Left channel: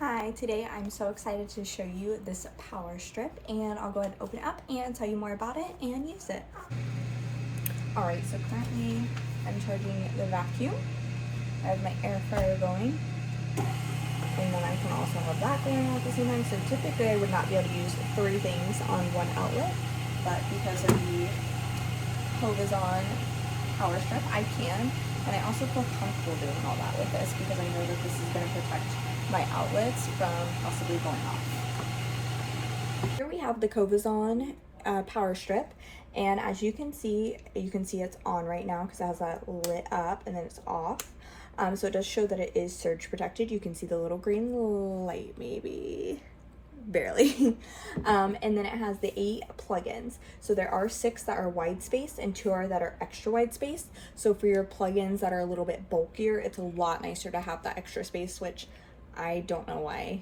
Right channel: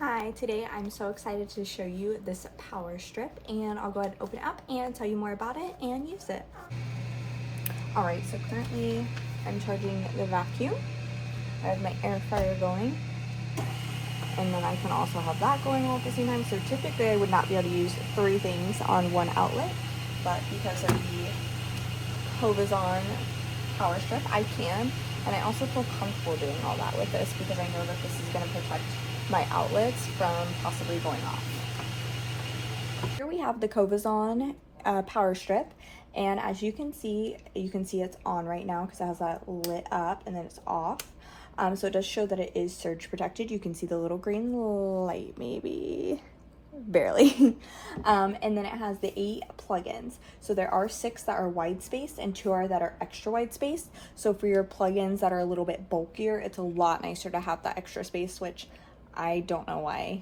Hi, today I'm so excited to show you this power strip, and I'll go ahead and open it up and tell you more about it and use it. Alright, so currently I'm charging the vacuum. I have my air fryer going, and then I can also have that going on at the same time. So typically I would not be able to use three things on one outlet, but because of the Covozon power strip, I can. And I also feel comfortable doing all that with this because I know that this is going to protect my outlets from possibly going off. Here we have the Covozon power strip, and as you can see it's on right now because it has that lit up and then it's off. So it does show that it is surge protected. You can see the little green light, maybe barely. And then it has the 8 plugins. So there are 6 that are wide spaced and 2 that are extra wide spaced. So for your plugins that are a little bit bulkier, it's a lot nicer to have that extra space, which I don't know why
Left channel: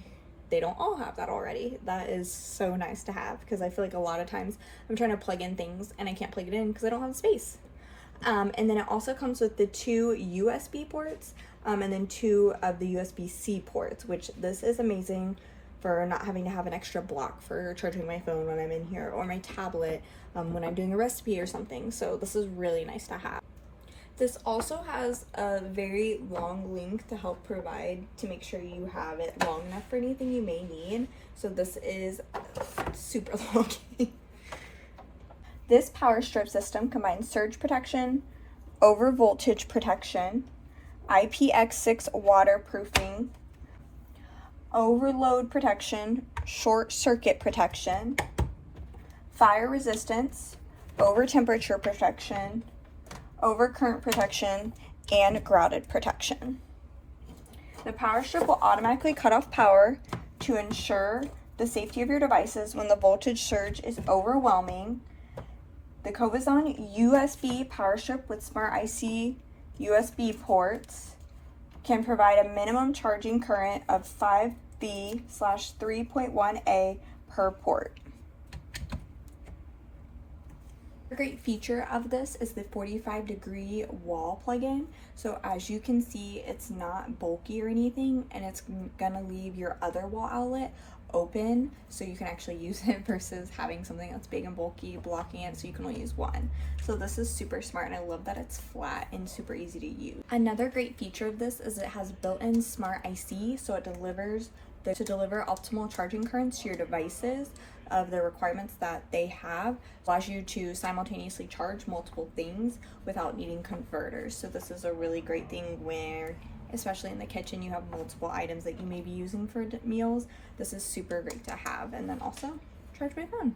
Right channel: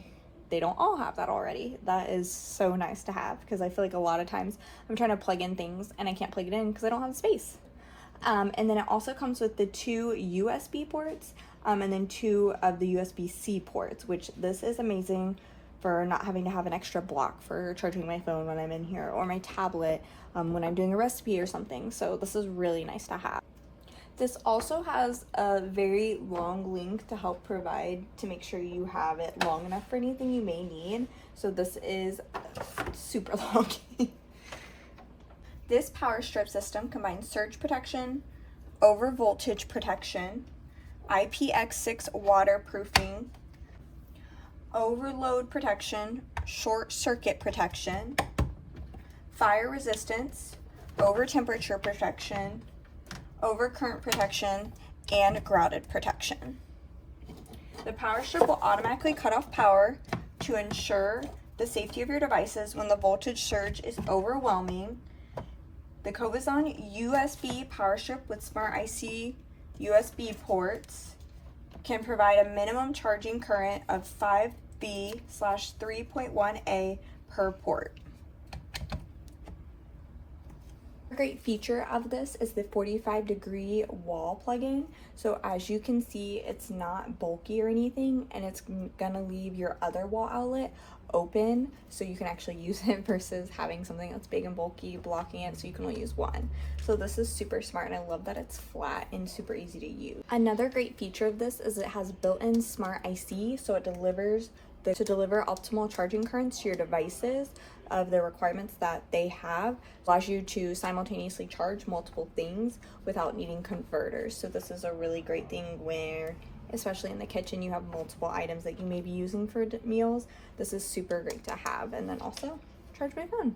they don't all have that already. That is so nice to have because I feel like a lot of times I'm trying to plug in things and I can't plug it in because I don't have space. And then it also comes with the 2 USB ports and then 2 of the USB-C ports, which this is amazing for not having to have an extra block for charging my phone when I'm in here, or my tablet when I'm doing a recipe or something. So this is really nice to have. This also has a very long link to help provide to make sure you have it long enough for anything you may need. So this is super long. This power strip system combines surge protection, over voltage protection, IPX6 waterproofing, overload protection, short circuit protection, fire resistance, over temperature protection, overcurrent protection, and grounded protection. The power strip will automatically cut off power to ensure the safety of your devices when the voltage surge is overwhelming. The Covozon USB power strip with Smart IC USB ports can provide a minimum charging current of 5V/3.1A per port. A great feature of this is the 45-degree wall plug-in. So as you can see, it's not bulky or anything, and it's gonna leave your other wall outlet open so you can actually use it versus having something that's big and bulky blocking it so you can only use one. So this is super smart, and I love that it's flat and super easy to use. Another great feature of this is it has built-in Smart IC, so it delivers to deliver optimal charging currents to your devices of the requirements that they have. Allows you to simultaneously charge multiple things without needing converters. So this is a really great thing where, especially in the kitchen, you have multiple items that you may be using for meals. This is super great to have. And then also charge my phone.